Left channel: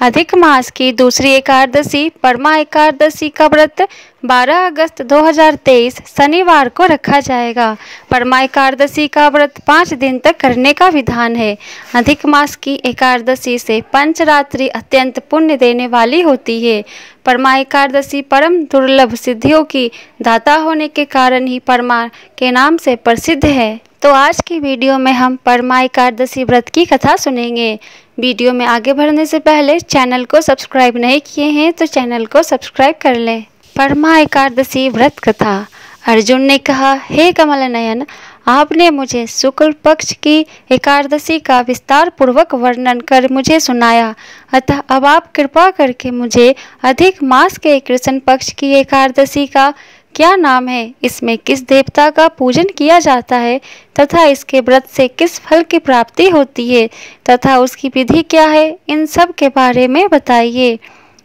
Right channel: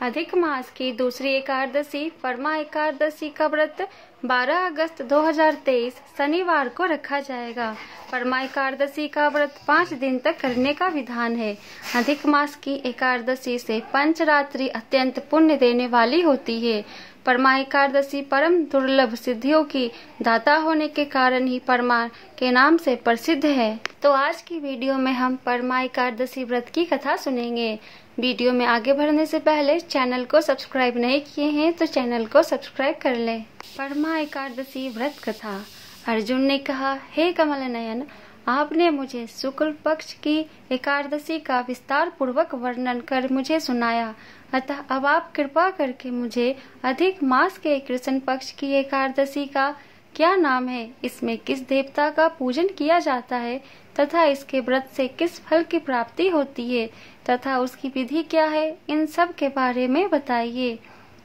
अधिक मास की दूसरी एकादशी परमा एकादशी का व्रत 12 अगस्त 2023 शनिवार को रखा जाएगा। परमा एकादशी का व्रत 5 दिन तक करने का विधान है। अधिक मास की एकादशी से पंचरात्रि अत्यंत पुण्य देने वाली होती है। परमा एकादशी परम दुर्लभ सिद्धियों की दाता होने के कारण ही परमा के नाम से प्रसिद्ध है। तो आज की वीडियो में हम परमा एकादशी व्रत की कथा सुनेंगे। वीडियो में आगे बढ़ने से पहले चैनल को सब्सक्राइब नहीं किए हैं तो चैनल को सब्सक्राइब कर लें। परमा एकादशी व्रत कथा। अर्जुन ने कहा, हे कमल नयन, आपने मुझे शुक्ल पक्ष की एकादशी का विस्तार पूर्वक वर्णन कर मुझे सुनाया, अतः अब आप कृपा करके मुझे अधिक मास के कृष्ण पक्ष की एकादशी का क्या नाम है, इसमें किस देवता का पूजन किया जाता है तथा इसके व्रत से किस फल की प्राप्ति होती है तथा उसकी विधि क्या है, इन सब के बारे में बताइए।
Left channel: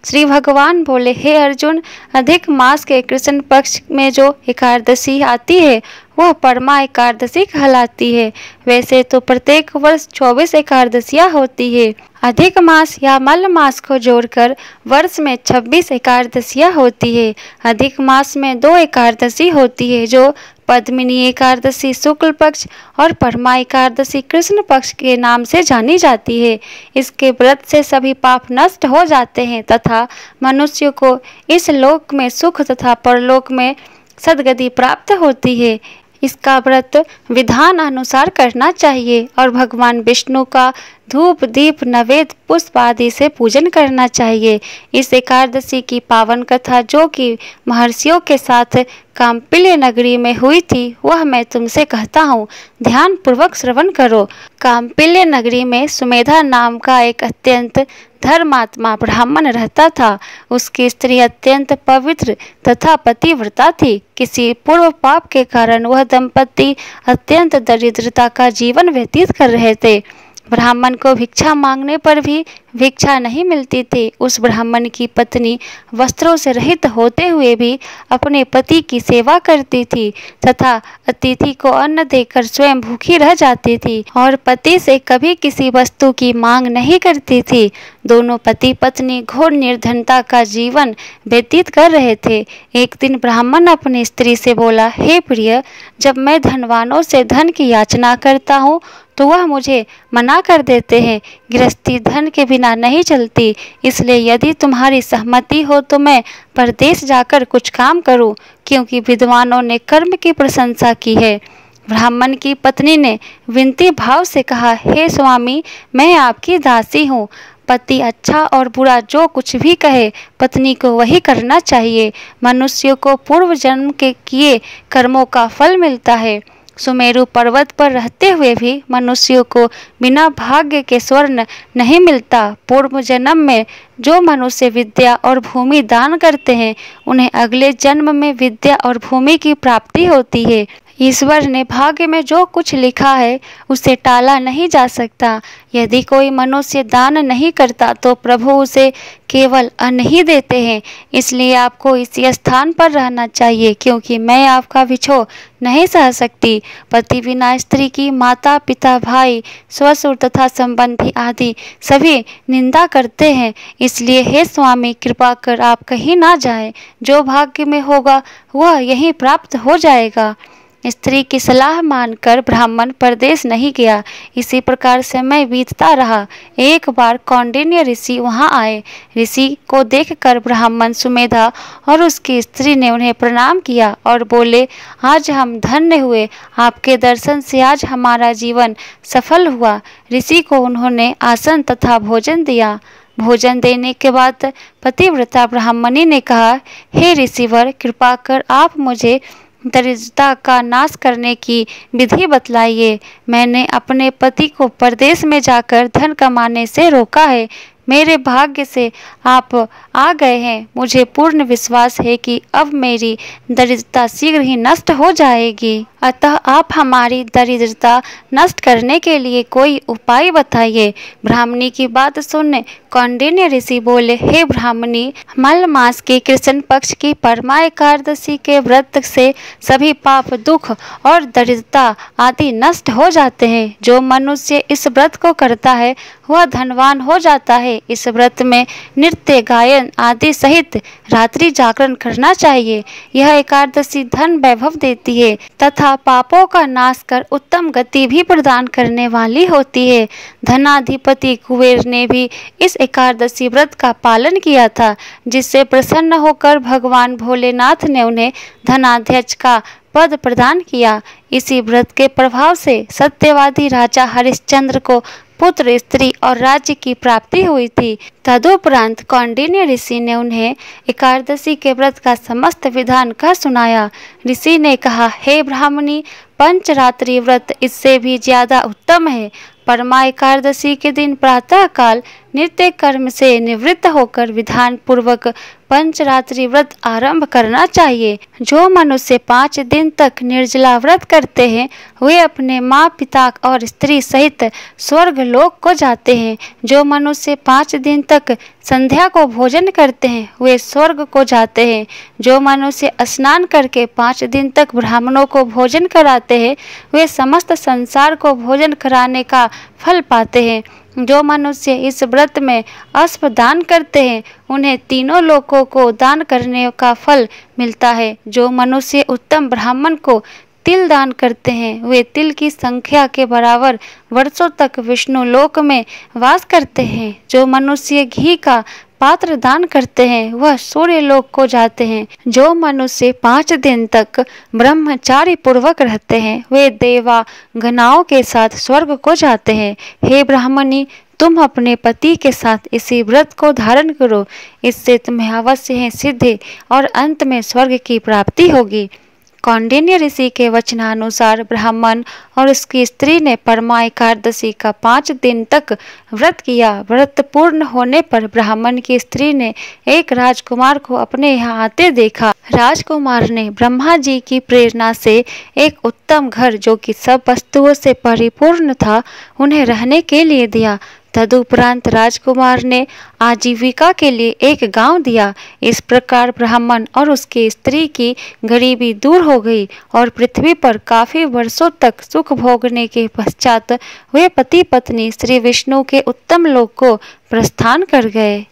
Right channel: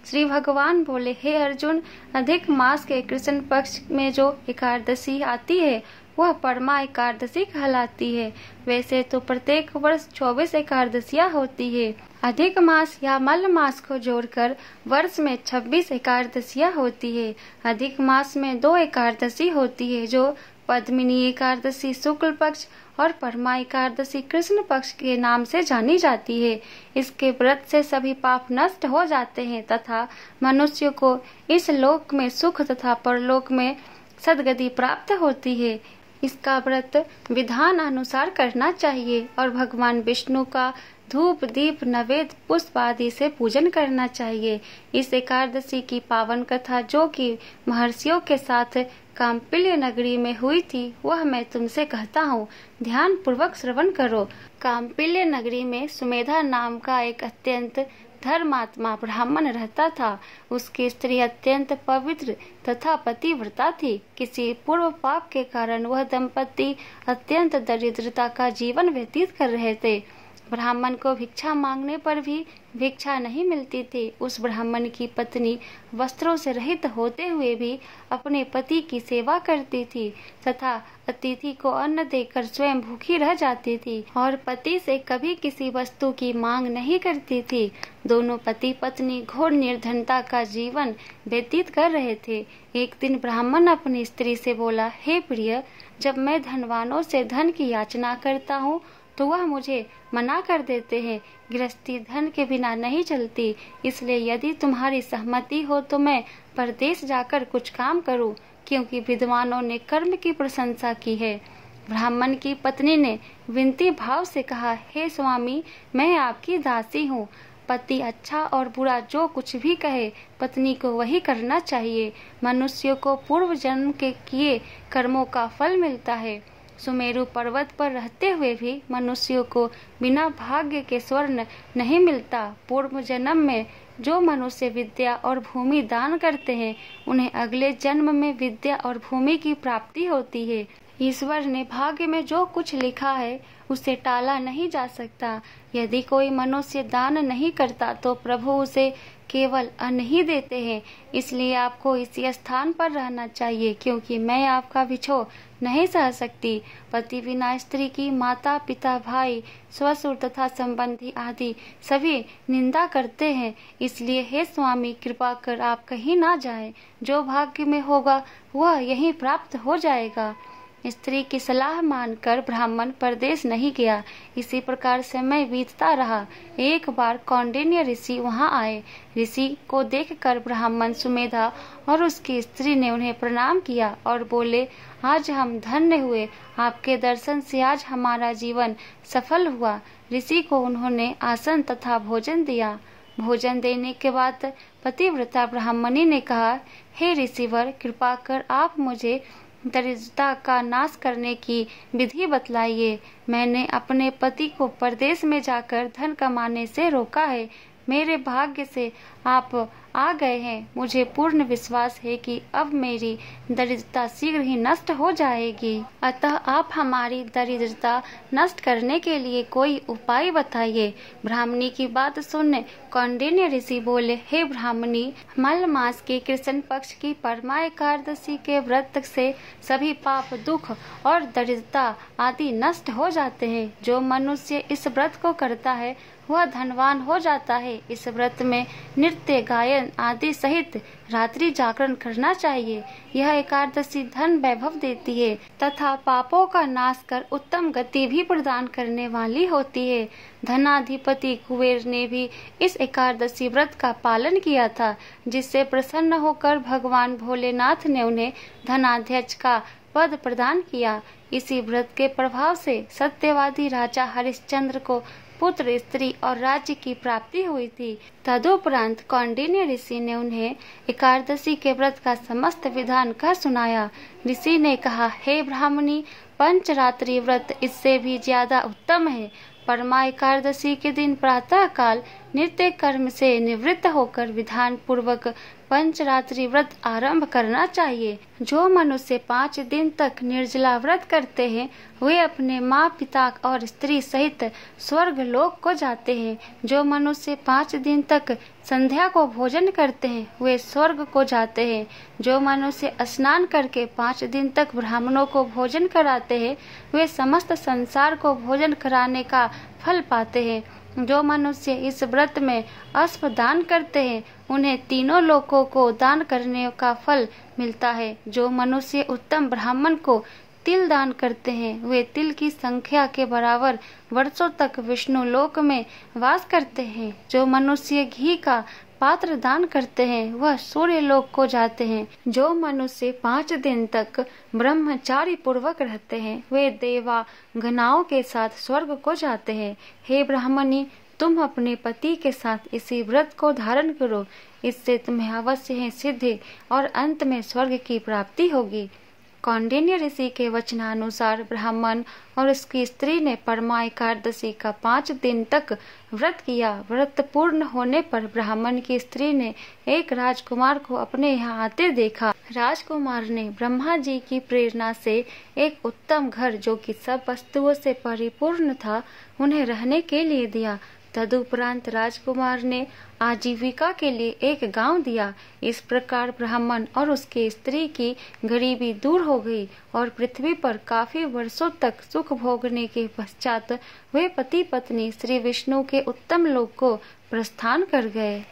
श्री भगवान बोले, हे अर्जुन, अधिक मास के कृष्ण पक्ष में जो एकादशी आती है वह परमा एकादशी कहलाती है। वैसे तो प्रत्येक वर्ष 24 एकादशियाँ होती है। अधिक मास या मल मास को जोड़कर वर्ष में 26 एकादशियाँ होती है। अधिक मास में 2 एकादशी होती है जो पद्मिनी एकादशी शुक्ल पक्ष और परमा एकादशी कृष्ण पक्ष के नाम से जानी जाती है। इसके व्रत से सभी पाप नष्ट हो जाते हैं तथा मनुष्य को इस लोक में सुख तथा परलोक में सद्गति प्राप्त होती है। इसका व्रत विधान अनुसार करना चाहिए और भगवान विष्णु का धूप दीप नवेद पुष्प आदि से पूजन करना चाहिए। इस एकादशी की पावन कथा जो कि महर्षियों के साथ काम्पिल्य नगरी में हुई थी वह मैं तुमसे कहता हूँ, ध्यान पूर्वक श्रवण करो। काम्पिल्य नगरी में सुमेधा नाम का एक अत्यंत धर्मात्मा ब्राह्मण रहता था। उसकी स्त्री अत्यंत पवित्र तथा पतिव्रता थी। किसी पूर्व पाप के कारण वह दंपति अत्यंत दरिद्रता का जीवन व्यतीत कर रहे थे। ब्राह्मण को भिक्षा मांगने पर भी भिक्षा नहीं मिलती थी। उस ब्राह्मण की पत्नी वस्त्रों से रहित होते हुए भी अपने पति की सेवा करती थी तथा अतिथि को अन्न देकर स्वयं भूखी रह जाती थी और पति से कभी किसी वस्तु की मांग नहीं करती थी। दोनों पति पत्नी घोर निर्धनता का जीवन व्यतीत कर रहे थे। एक दिन ब्राह्मण अपनी स्त्री से बोला, हे प्रिय, जब मैं धनवानों से धन की याचना करता हूँ तो वह मुझे मना कर देते हैं। गृहस्थी धन के बिना नहीं चलती, इसलिए यदि तुम्हारी सहमति हो तो मैं परदेश जाकर कुछ काम करूं, क्योंकि विद्वानों ने कर्म की प्रशंसा की है। ब्राह्मण की पत्नी ने विनती भाव से कहा, हे स्वामी, मैं आपकी दासी हूँ। पति अच्छा और बुरा जो कुछ भी कहे पत्नी को वही करना चाहिए। मनुष्य को पूर्व जन्म के किए कर्मों का फल मिलता है। सुमेरु पर्वत पर रहते हुए भी मनुष्यों को बिना भाग्य के स्वर्ण नहीं मिलता। पूर्व जन्म में जो मनुष्य विद्या और भूमि दान करते हैं उन्हें अगले जन्म में विद्या और भूमि की प्राप्ति होती है। ईश्वर ने भाग्य में जो कुछ लिखा है उसे टाला नहीं जा सकता। यदि कोई मनुष्य दान नहीं करता तो प्रभु उसे केवल अन्न ही देते हैं। इसलिए आपको इसी स्थान पर रहना चाहिए, क्योंकि मैं आपका विछोह नहीं सह सकती। पति बिना स्त्री की माता पिता भाई ससुर तथा संबंधी आदि सभी निंदा करते हैं। इसलिए हे स्वामी, कृपा कर आप कहीं ना जाएं। जो भाग्य में होगा वह यहीं प्राप्त हो जाएगा। स्त्री की सलाह मानकर ब्राह्मण परदेश नहीं गया। इसी प्रकार समय बीतता रहा। एक बार कौंडिन्य ऋषि वहां आए। ऋषि को देखकर ब्राह्मण सुमेधा और उसकी स्त्री ने उन्हें प्रणाम किया और बोले, आज हम धन्य हुए। आपके दर्शन से आज हमारा जीवन सफल हुआ। ऋषि को उन्होंने आसन तथा भोजन दिया। भोजन देने के बाद पतिव्रता ब्राह्मणी ने कहा, हे ऋषिवर, कृपा कर आप मुझे दरिद्रता का नाश करने की विधि बतलाइए। मैंने अपने पति को परदेश में जाकर धन कमाने से रोका है। मेरे भाग्य से आप आ गए हैं। मुझे पूर्ण विश्वास है कि अब मेरी दरिद्रता शीघ्र ही नष्ट हो जाएगी। अतः आप हमारी दरिद्रता नष्ट करने के लिए कोई उपाय बताइए। ब्राह्मणी की बात सुन कौंडिन्य ऋषि बोले, हे ब्राह्मणी, मल मास के कृष्ण पक्ष की परमा एकादशी के व्रत से सभी पाप दुख और दरिद्रता आदि नष्ट हो जाते हैं। जो मनुष्य इस व्रत को करता है वह धनवान हो जाता है। इस व्रत में नृत्य, गायन आदि सहित रात्रि जागरण करना चाहिए। यह एकादशी धन वैभव देती है तथा पापों का नाश कर उत्तम गति भी प्रदान करने वाली होती है। धनाधिपति कुबेर ने भी इस एकादशी व्रत का पालन किया था, जिससे प्रसन्न होकर भगवान भोलेनाथ ने उन्हें धनाध्यक्ष का पद प्रदान किया। इसी व्रत के प्रभाव से सत्यवादी राजा हरिश्चंद्र को पुत्र, स्त्री और राज्य की प्राप्ति हुई थी। तदुपरांत कौंडिन्य ऋषि ने उन्हें एकादशी के व्रत का समस्त विधान कह सुनाया। ऋषि ने कहा, हे ब्राह्मणी, पंचरात्रि व्रत इससे भी ज्यादा उत्तम है। परमा एकादशी के दिन प्रातः काल नित्य कर्म से निवृत्त होकर विधान पूर्वक पंचरात्रि व्रत आरंभ करना चाहिए। जो मनुष्य 5 दिन तक निर्जला व्रत करते हैं वे अपने माँ, पिता और स्त्री सहित स्वर्ग लोक को जाते हैं। जो मनुष्य 5 दिन तक संध्या को भोजन करते हैं वे स्वर्ग को जाते हैं। जो मनुष्य स्नान करके 5 दिन तक ब्राह्मणों को भोजन कराते हैं वे समस्त संसार को भोजन कराने का फल पाते हैं। जो मनुष्य इस व्रत में अश्व दान करते हैं उन्हें तीनों लोकों को दान करने का फल मिलता है। जो मनुष्य उत्तम ब्राह्मण को तिल दान करते हैं वे तिल की संख्या के बराबर वर्षों तक विष्णु लोक में वास करते हैं। जो मनुष्य घी का पात्र दान करते हैं वह सूर्य लोक को जाते हैं। जो मनुष्य 5 दिन तक ब्रह्मचारी पूर्वक रहते हैं वे देवा गणाओं के साथ स्वर्ग को जाते हैं। हे ब्राह्मणी, तुम अपने पति के साथ इसी व्रत को धारण करो, इससे तुम्हें अवश्य है सिद्धि और अंत में स्वर्ग की प्राप्ति होगी। कौंडिन्य ऋषि के वचनानुसार ब्राह्मण और उसकी स्त्री ने परमा एकादशी का 5 दिन तक व्रत किया। व्रत पूर्ण होने पर ब्राह्मण की स्त्री ने एक राजकुमार को अपने यहाँ आते देखा। राजकुमार ने ब्रह्मा जी की प्रेरणा से एक उत्तम घर, जो कि सब वस्तुओं से परिपूर्ण था, उन्हें रहने के लिए दिया। तदुपरांत राजकुमार ने आजीविका के लिए एक गांव दिया। इस प्रकार ब्राह्मण और उसकी स्त्री की गरीबी दूर हो गई और पृथ्वी पर काफी वर्षों तक सुख भोगने के पश्चात वे पति पत्नी श्री विष्णु के उत्तम लोक को प्रस्थान कर गए।